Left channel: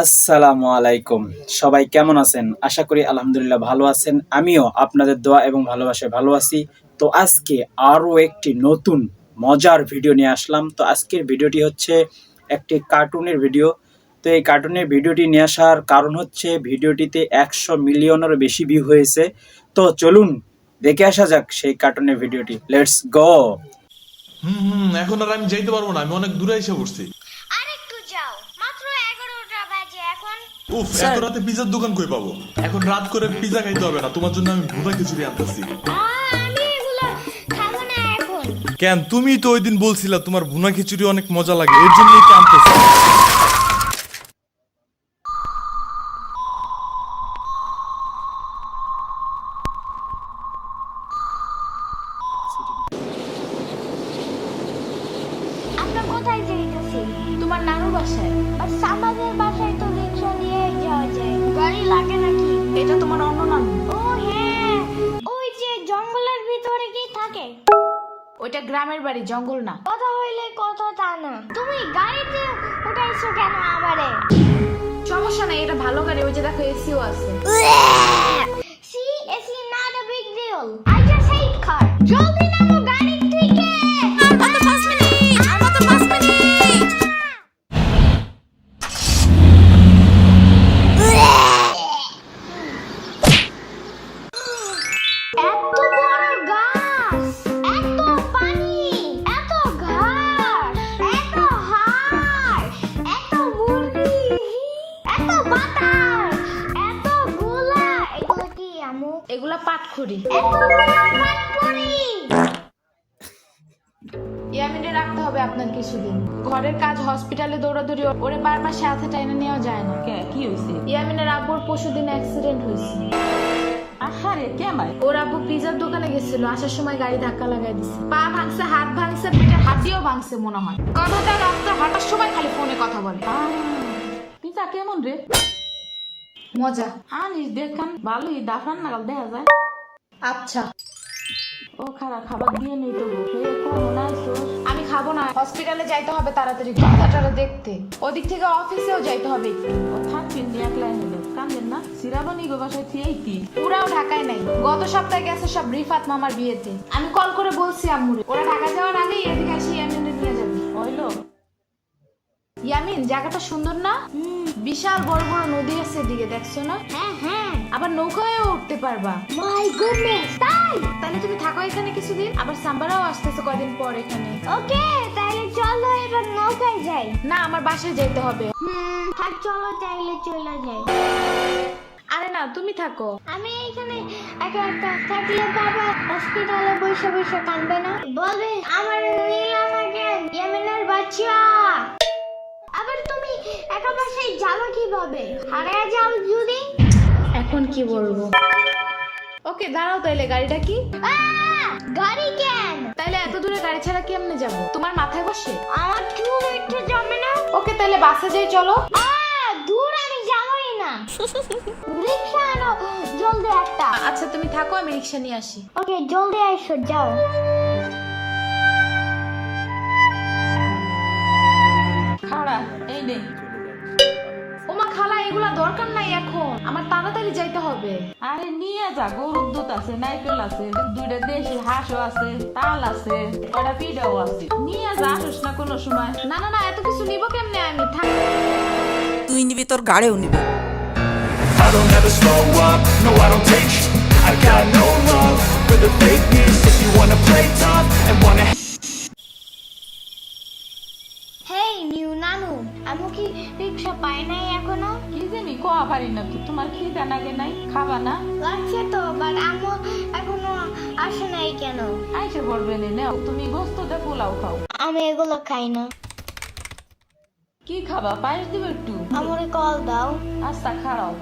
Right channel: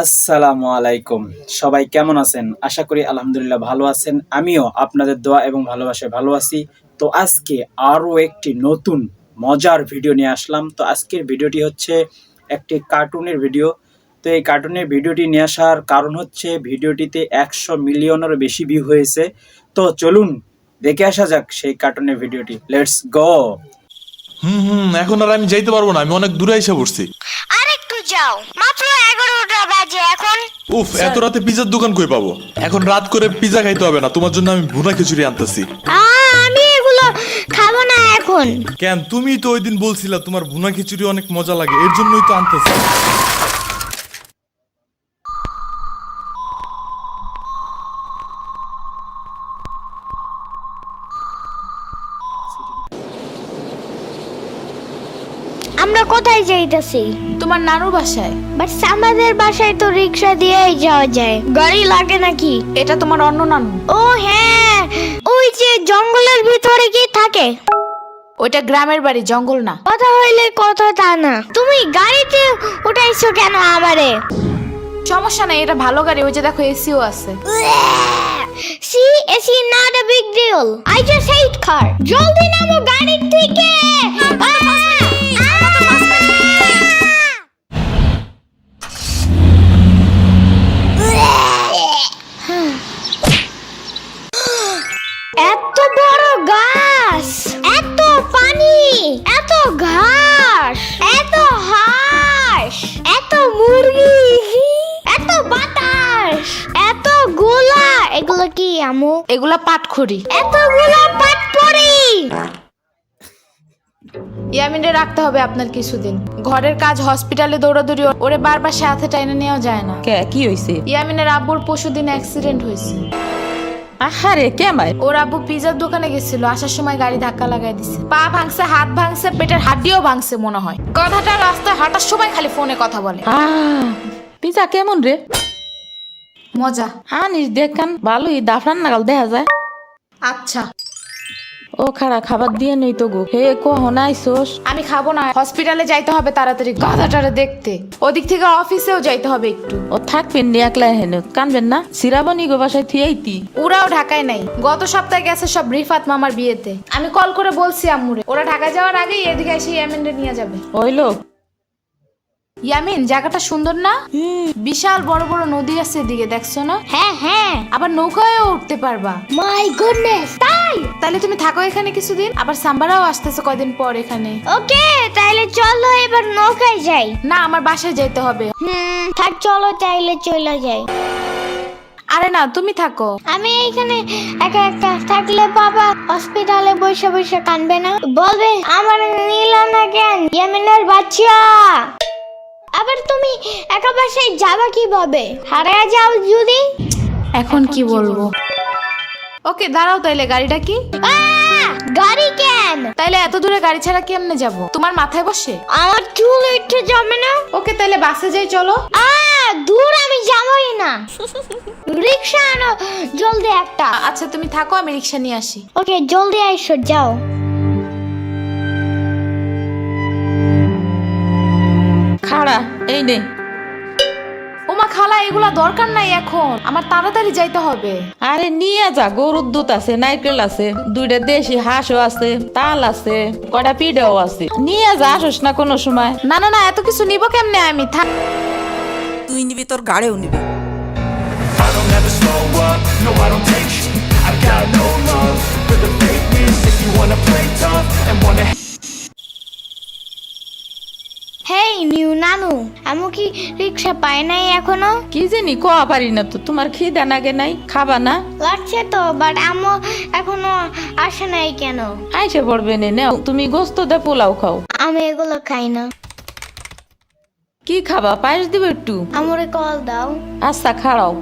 আসসালামু আলাইকুম। সবাই কেমন আছেন? আশা করি আলহামদুলিল্লাহ ভালো আছেন। আমিও আপনাদের দোয়া এবং ভালোবাসায় ভালো আছি। তো আজকে আরো একটি নতুন মজার ভিডিও নিয়ে আসলাম। তো আজকের ভিডিওটি হচ্ছে একটি কার্টুনের ভিডিও। তো এই কার্টুনের ভিডিওটি নিয়ে আসার কারণ হচ্ছে ভিডিওটিতে ১০০ মিলিয়নেরও বেশি ভিউ হয়েছে। তো চলুন দেখে আসা যাক সেই কার্টুনের ভিডিওটি। Let's go! এখন আর আমি যাইতে পারবো না, আমি অনেক দূরে এসে পড়ছি। আরেকটু যাও, মাত্র 11টা বাজে এখন। উফ, এত রাতে পিজার দোকান কই পাবো? এখন রাত করে পিজা খাইতে হবে না, তোমার জন্য আমি ভুনা খিচুড়ি আনতেছি। আমি এগুলো খাবো না এখন। কেন? তুমি তো ওই দিন বলছিলা তোমার ভুনা খিচুড়ি অনেক মজা লাগে, এর জন্যই তো আনতেছি। আমরা কোথায় যাইতেছি? তোমার নানুর বাসায়। বাট আমাদের বাসায় তো রিক্সা দিয়েই যাওয়া যায়, গাড়ি লাগে নাকি? এটা তোমার অন্য নানু। ও হ্যাঁ, ওই যে জঙ্গলের ভিতরে কি থাকে? ওইটা গ্রামের বাড়ি, জঙ্গল না। কথা হইলে কথা তা না। তুমি গাড়িতে উঠাইছো কেন আমারে? সমস্যা নাই, এটা ভালো গাড়ি। ওই যে দেখো, এসিও আছে। See, it's not a big deal. I just hate car. জলদি নামো গাড়ির থেকে। এত বড় গাছ, এত পানি, এত ঘাস, এত হাঁস, এত মুরগি, এত বাতাস, এত গোলা। এগুলো কি আমু? এগুলা পাটখড়ি। এতগুলো পাটপড়ি। ইয়ামিনে রাখতে হবে আপনার কিছুদিন। ঘরের কাজ, হসপিটালে দৌড়াদৌড়ি, ওরে বারবার সাথে টাইনে নেওয়া যায় না। কে কি হইছে? ইয়ামিনের আব্বুর পরশুদিন অ্যাক্সিডেন্ট হয়েছে। আহারে কেমাই? ওর আব্বু পিজার দোকানে গেছিল, আসার সময় গাড়ি ধাক্কা লাগাই দিছে। পা ভাঙছে, হাত ভাঙছে, পেটের হাড্ডিও ভাঙছে মনে হয়। কথাটা রাস্তায় হাঁটার সময় খালি ফোনে কথা বলে। পিজা কেমন রে? মজা। আনিস দেখান, ভালোই দাফরান নাগাল দেখা যায়। আচ্ছা, ও খাড়া খাবার দিয়ে নেই তো গো। হে কখন আইসোস? আমি খাবো না। হসপিটালে যাইতে হবে তাড়াতাড়ি, গাধাটারে দেখতে। ওদিক থেকে অফিসেও যাইতে হবে একটু। ও থাকবেন নি একলাই হেন, কানবেন না? সিরাবনি গো বাসায় থিয়াইতি। ওরাও ঢাকায় নাই, গত সপ্তাহে গেছে সব রিফাত মামার বিয়েতে। আমি কল করে বলছি আম্মুরে, ওরা ঢাকা যাওয়ার আগেই এদিকে এসে ইয়ামিনরে নিয়ে যাবে। ওইলো ইয়ামিন, জায়গাটা সুন্দর না? বিশাল বড় বড় নদী আছে এদিকে, দেখছো না? হ্যাঁ হ্যাঁ, আবার নৌকায়ও উঠতে পারবা। মাই গুডনেস, তাই? তাহলে তুমি থাকো এখানে কিছুদিন। আবার সাম্বারাও আসতেছে কয়দিন পর এখানে। ওকে, তাইলে চলো এবার নৌকায় যাই। না, আমার বাসায় যাইতে হবে। থাক, চলো তাইলে চলে যাই। আরে না, তুমি থাকো। আমি এখানে একা একা থাকলে বাবা হসপিটালে বসে বসে কানবে না? বলবে আমার নিল না কেন ইয়ামিনের বাচ্চা। আবার তুমি একা বাসায় যাবা কিভাবে? হারিয়ে যাও যদি। এখন কি বলবো? ওকে দাঁড়াও, তাইলে গাড়িটা কি? গাড়ি কেন? তাইলে এত দূরে গাড়ি ছাড়া কেমনে যাব? তোমার মাথায় বসে? আমার চুল উঠে যাবে না? ওকে, তাইলে বাসে যাই, চলো। দূর আমি যাবই না। রিক্সা আনো জলদি একটা। আচ্ছা তুমি থাকো, আমি রিক্সা নিয়ে আসি। ওকে, জলদি আইসো, যাও। খাড়া এই নে। ওমা খালা, এগুলা দরকার নাই এখন, আমার তাড়াতাড়ি যাইতে হবে। আরে নিয়ে যা, গরুর দুধ আছে, নারকেল আছে, দুইটা দেশি হাঁসও আছে, তাল আছে, কয়টা পিঠাও আছে। নিয়ে যা, আসোস না কোনো সময়? না না না, এত কিছু নিব কেমনে আমি? থাক। তুই নিবি, তোর গাড়িও নিবি। I don't ever slow up, no I don't take sh**. I got no love for the fakeness. If you wanna play tough and wanna hey new নানু, আমু কি রিক্সা পায় নাই এখনো? কি জানি কোয়া পারি না তো। তোমার খিদা নাগে নাই? খাবা না? লাগছে তো, বাট আমু এখনো আসে নাই কেন? আইসে পড়বে নে, নাও তুমি গোস্ত দে পোলাও খাও। আমি এগুলো খাই না। কি খাবা? পায়েস দিব একটু? আমুরে কল দাও। আচ্ছা খাড়াও।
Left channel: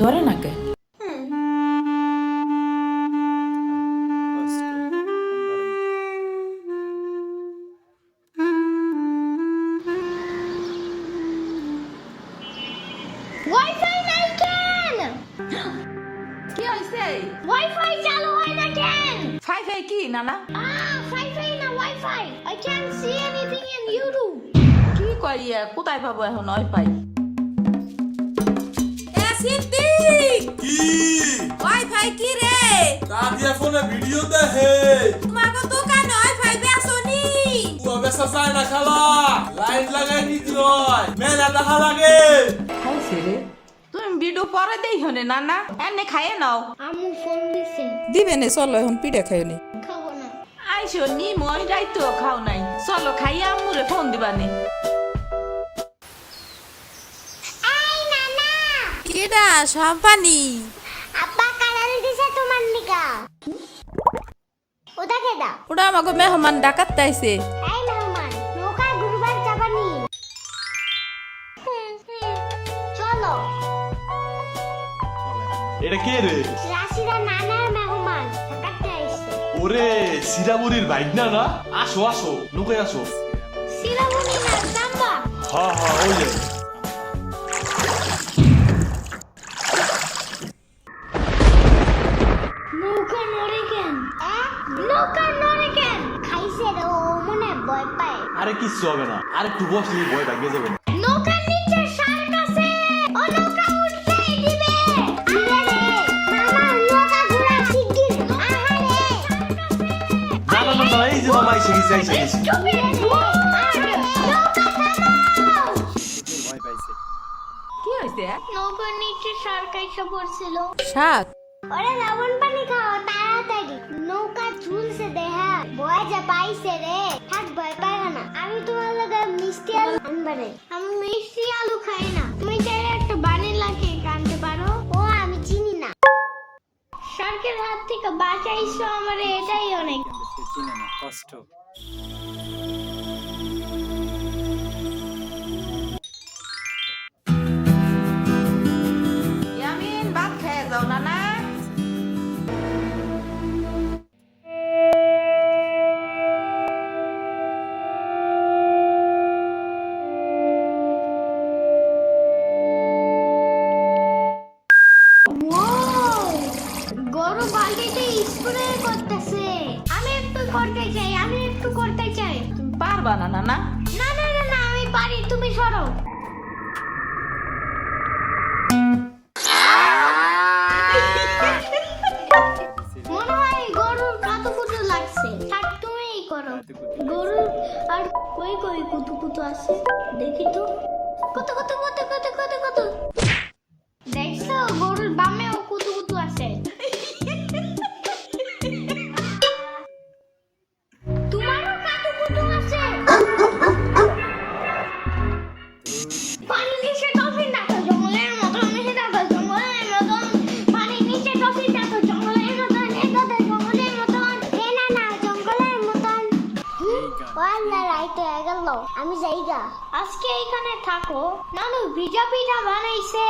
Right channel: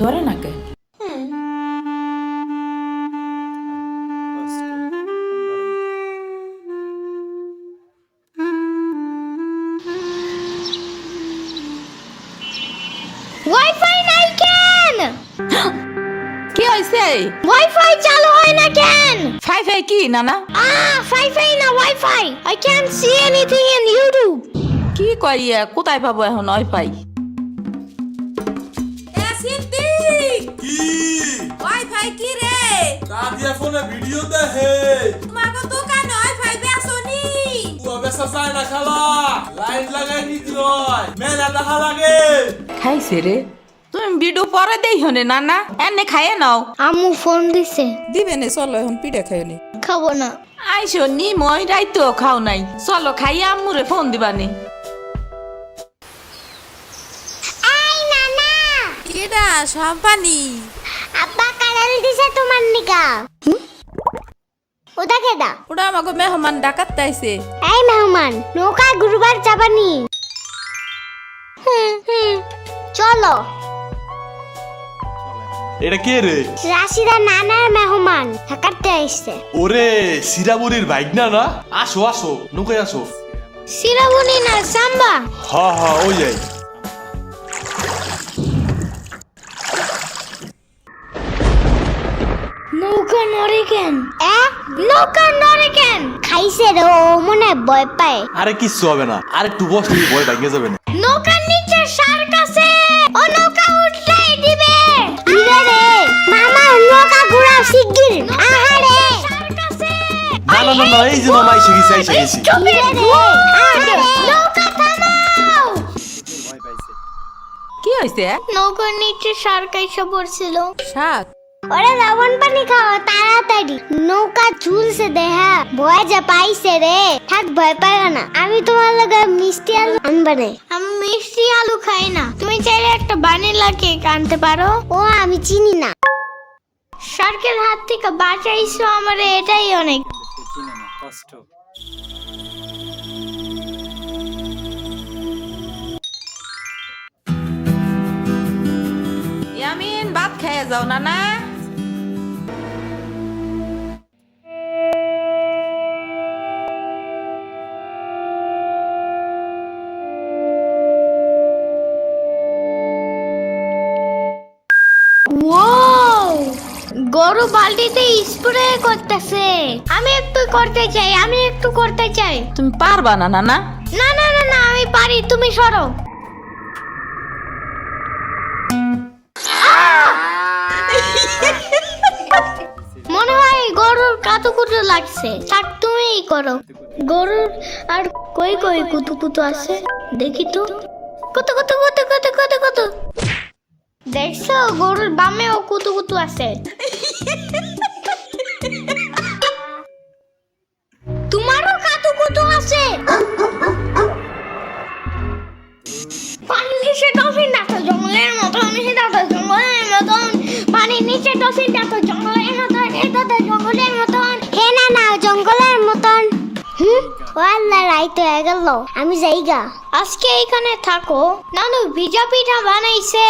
ধরে নাকে। ওয়াইফাই নাই কেন? কি হয়েছে? ওয়াইফাই চালু হয় না কেন? ফাই ফাই কি নানা? ফাই ফাই না wifi. I can't see anything in YouTube. কি কই কোথায় পাবো এখন ওয়াইফাই? এ সিদ্ধি কি ওয়াইফাই কি রে দাদিয়া ফোনে ভিডিও দেখে তোমাকে দোকানে ওয়াইফাই বেসনি ও বেসা যায় না খালা লাইন লাগাই নিতে হয় মেলা দেখা লাগে খাইছে রে তুমি ভিডিও পরে দেই হনে না না এনে খাইয়ে নাও। আম্মু ফোন দিছে, দিবে নে চলো এখন পিঠা খাই নি খাবো না। আইসো নি মই রাইতো খাও নাই, চলো খাইয়া আম্মুরে ফোন দিবানি। এই নানা, কেডা সাম্পানি আব্বা কালার দিছে তোমার নিকা। ওটা কেডা? ওটা আমাকে মেহমান ডাকাত তাইছে। এই মেহমান, নৌকা গুরুবার যাবানি। চলো। এটা কে রে? রাশিদা নানার মেহমান থাকাতে আইছে। ওরে সিরামুনির বাইক না না, আসো আসো নৌকায় আসো। সিরাবুনি না সাম্বা। হ্যাঁ হ্যাঁ ওই যাই। নৌকা নড়ে কেন? নৌকা নড়ে কেন? খাইছে রে, ও মনে ভয় পায়। আরে কিচ্ছু হবে না, আরে একটু বস তুমি ভয় ভাঙে যাবে না। নৌকার নিচে শার্ক আছে, ও নৌকা উঠতেই দিবে। দিবে রে, মামা নৌকা ঘোরা শিগগির। আহারে শার্ক আছে। না না না না, এই যে মামা এসে গেছে এসে গেছে। দিবে রে, আহারে নৌকা থামাও। কি হইছে? নৌকার নিচে শার্ক এসে পড়ছিল। শাক ওরে লবণ পানি খাও তাড়াতাড়ি, নৌকা ঝুলছে দেহা, ভয় যা পাইছে রে। থাক ভয় পাই না, আমি তোমার লগে মিষ্টি আলু আনবানে। আমি মিষ্টি আলু খাই না, তুমি চাইলে একটা ভ্যানিলা কেক আনতে পারো। ও আমি চিনি না। শার্কের হাত থেকে বাঁচাইছো আমারে, এটাই অনেক। চিনে না, কষ্ট। ইয়ামিন ভাত খেয়ে যাও না না। ওয়াও, গরু বালতিতে স্প্রে করতেছে। আমি একটু করতে চাই, আমি একটু করতে চাই। তুমি পারবা না না না? না না না না, আমি পারি, তুমি সরো। মনে হয় গরুর কাতুকুতু লাগছে, থাক তুমিই করো। গরুর আর কই কই কুতুকুতু আছে দেখি তো। কত কত কত কত কত কত, দেখছো গরুর বামেও কুতুকুতু আছে। তোমারও কাতুকুতু আছে। পানির নিচে ডলফিন ডাকো জঙ্গলের মতন, নিচে ডাকো জঙ্গলের মতন, পানির নিচে ডলফিন ডাকো জঙ্গলের মতন, এটা তো জঙ্গলের মতন। হে না না, জঙ্গলের মতন। ও আল্লাহ, রাইত হয়ে গেল, আমি যাইগা। আজকে এখানে থাকো, নানু ভিজা পিঠা বানাইছে।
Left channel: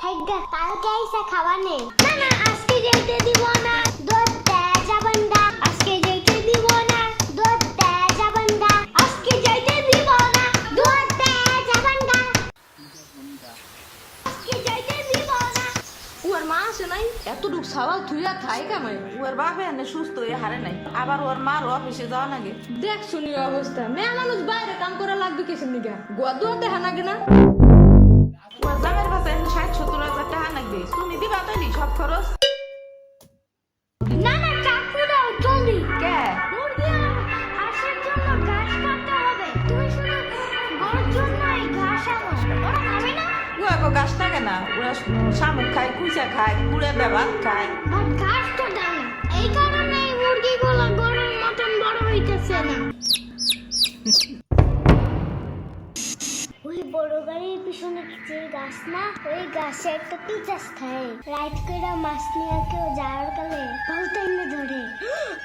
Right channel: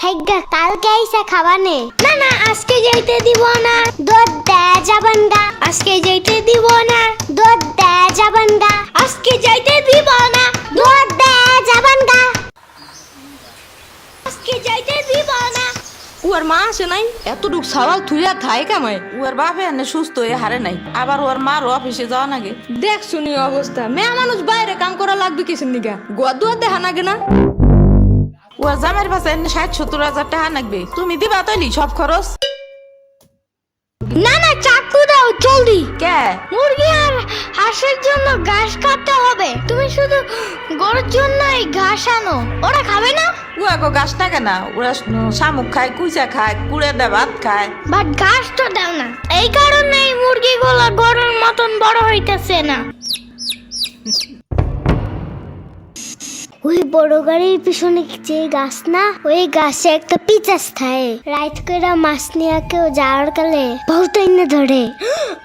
থাইগা, কালকে আইসা খাবানে। না না, আজকে যাইতে দিব না, দুধ দেয়া যাবেন না। আজকে যাইতে দিব না, দুধ দেয়া যাবেন না। আজকে যাইতে দিব না, দুধ দেয়া যাবেন না। আজকে যাইতে দিব না। ওর মা আসে নাই, এতটুক সাওয়াল থুইয়া খায় কামাই। ওর বাপে এনে সুস্থ হয়ে হারে নাই, আবার ওর মার অফিসে যাওয়া নাগে। দেখ শুনি অবস্থা, মেয়ে মানুষ বাইরে কাম করা লাগবে কিসের নিগা? গোয়া দুয়া দেখা নাগে না? ওর জামাইয়ের পাশে 60-70 হাজার টাকা লাগবে, তুমি দিবা তৈলি সব খরচ। না না, চাকু দাও জলদি। কে? মুরগি আর হাঁসের জন্য ঘাস কাটতে হবে, তুমি শুধু গরুর জন্য এই ঘাস আনো। ওরা খাবে না? ওগো গাছ থাকে না, ওরা শামুক খায়, কুইচা খায়, কুড়ে দে ভাত খায়। বাট ঘাস তো দাও না, এই কারণে এই মুরগিগুলো গরুর মতন বড় হইতেছে না। ওই বড় গাড়ির পিছনে যে গাছ না, ওই গাছে একটা পিচাস থাকে। রাইত করে মাছ নিয়ে কেউ যাওয়ার কালে বহুত এনে ধরে।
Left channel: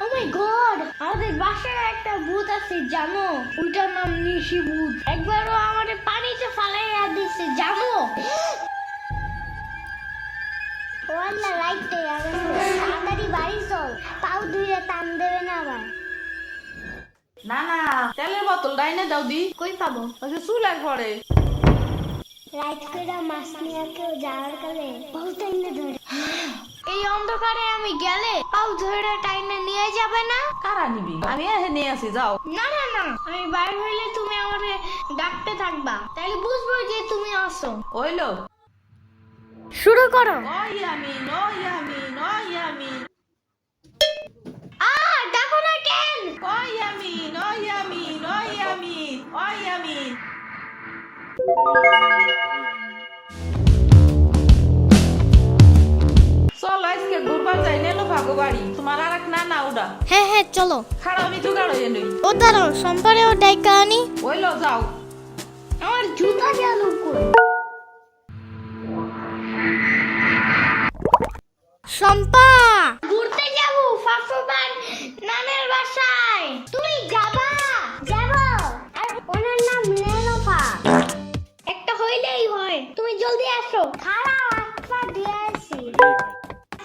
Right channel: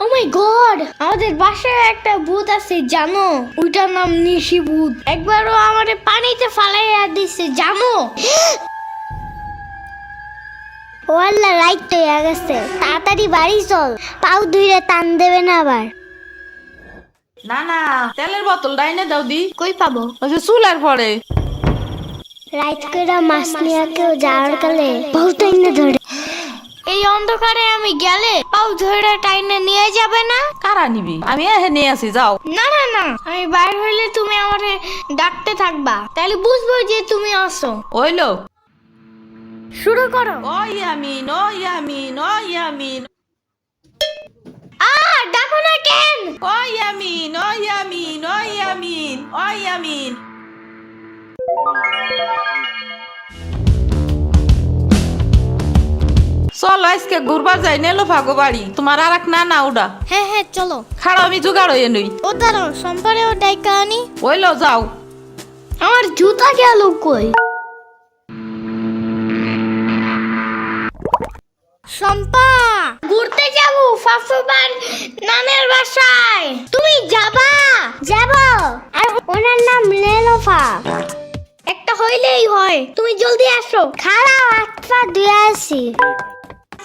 ও মাই গড, আমাদের বাসায় একটা ভূত আছে জানো? ওইটার নাম নিশি ভূত। একবারও আমাদের পানিতে ফালাইয়া দিছে জানো? ও আল্লাহ, রাইত তো হয়ে গেছে, তাড়াতাড়ি বাড়ি চল, পাও ধুইরে টান দেবে না আবার। না না, তেলের বোতল ডাইনে দাও দি। কই পাবো? ওই যে চুলার পরে। রাইত করে মাছ নিয়ে কেউ যাওয়ার কালে বহুত এনে ধরে। এই এই অন্ধকারে আমি গেলে পাও ধরে টাইনে নিয়ে যাবে না? কারা নিবি? আমি এখানে আছি, যাও। না না না, আমি বাইরে হইলে তুমি আমারে ডাকতে থাকবা, তাহলে বুঝবো যে তুমি আসো। ওইলো শুরু করো। ও ইয়ামিন, ও ইয়ামিন, ও ইয়ামিন, ডাকো না কেন? ও ইয়ামিন, ও ইয়ামিন, ও ইয়ামিন, ও ইয়ামিন। চলো আজকে ঘুরবার যাই নেলো ভাগো বাড়ি। তোমার আর এক না ওটা হ্যাঁ হ্যাঁ চলো। খাড়া আমি জোগাড় হয়ে নই। ও দাঁড়াও, সম্পারেও ডাইকা আনি। ওইলো যাও। আমার জুতা গেল কই? শম্পা, ঘুরতে যাব ফাফুবার নানের বাসায়। তুমি যাবা? যাব। আর ওনার নাম লেলোফা। একটা হইলেই হয়, তুমি জলদি আসো। খাড়াও, একটা দিয়ে আসি।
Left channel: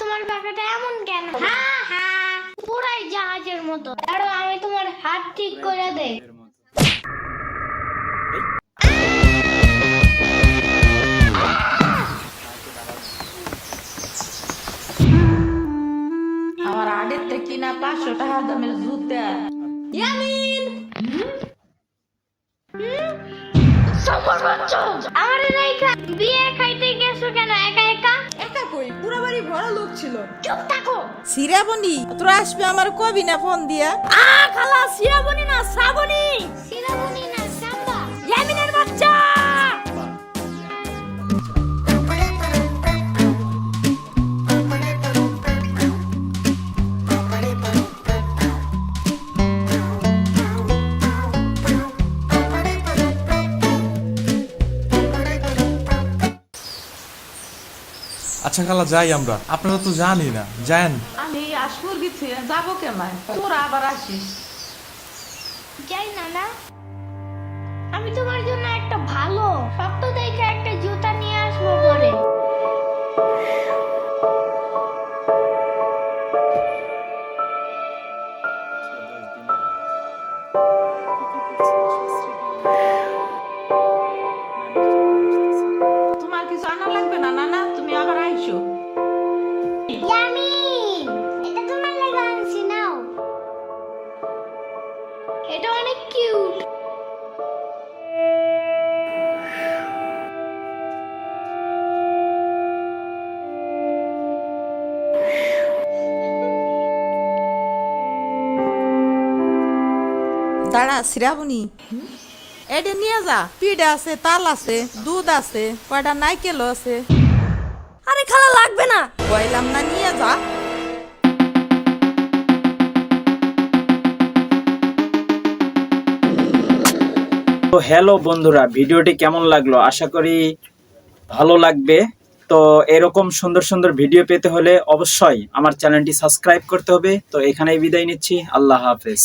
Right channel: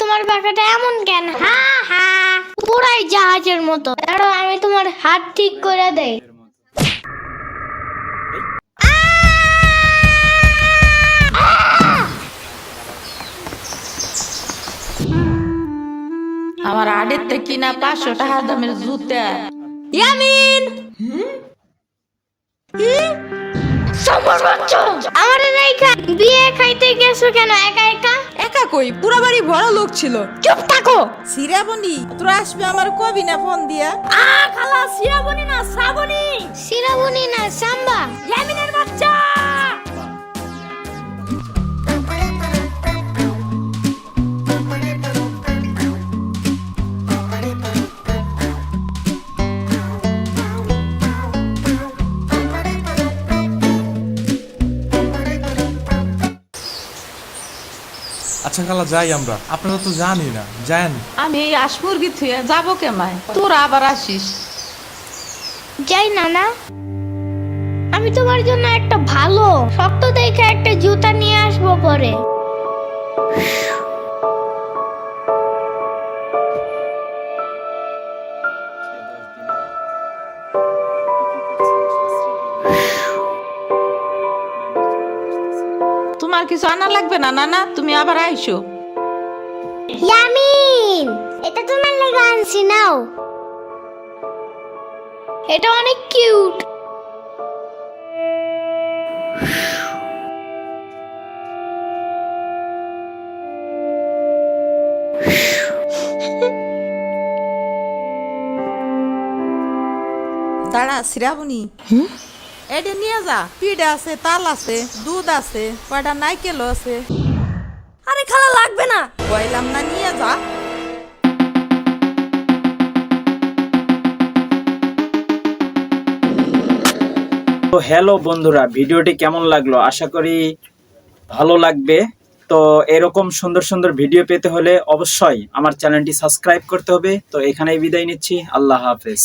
তোমার বাঁকাটা এমন কেন? হ্যাঁ হ্যাঁ, পুরাই জাহাজের মতো। দাঁড়াও, আমি তোমার হাত ঠিক করে দেই। আমার আড়ের থেকে কিনা 500 টাকা দামের জুতা। ইয়ামিন, আমার রেখা বিয়ে খাইতে গেছো কেন একা একা? একা কই, পুরো বাড়ি ভরা লোক ছিল। চুপ থাকো। সিরাবনি তোরা আসবে আমার কবি না ফোন দিয়া? খালা সিরাবনি না শ্রাবণী, সিরাবনি না সাম্বা। ইয়ামিনের বাচ্চা। আচ্ছা খালা যাই আমরা, আপনারা তো জানি না, যান। আমি এই আশমুরগি থুয়ে যাবো কেমায়, তোরা আবার আসিস। যাই না না, আমি তোমার জন্য একটা ভালো শক্ত দেখে একটা জুতা নিয়ে আসবো পরে। তোমার কিছু আনা লাগবে না নানা, তুমি আবার আইসো। ইয়ামিন, এটা তোমার লাগা আনছি, নাও। এটা অনেক কিউট। দাঁড়া শ্রাবণী, এটা নিয়ে যা। পিঠা আছে, তাল আছে, দুধ আছে, কয়টা নাইকেল আছে। আরে খালা লাগবে না। কইলাম না, নিয়ে যা। তো হ্যালো বন্ধুরা, ভিডিওটি কেমন লাগলো? আশা করি ভালো লাগবে। তো এরকম সুন্দর সুন্দর ভিডিও পেতে হলে অবশ্যই আমার চ্যানেলটি সাবস্ক্রাইব করতে হবে। তো এখানেই বিদায় নিচ্ছি, আল্লাহ হাফেজ।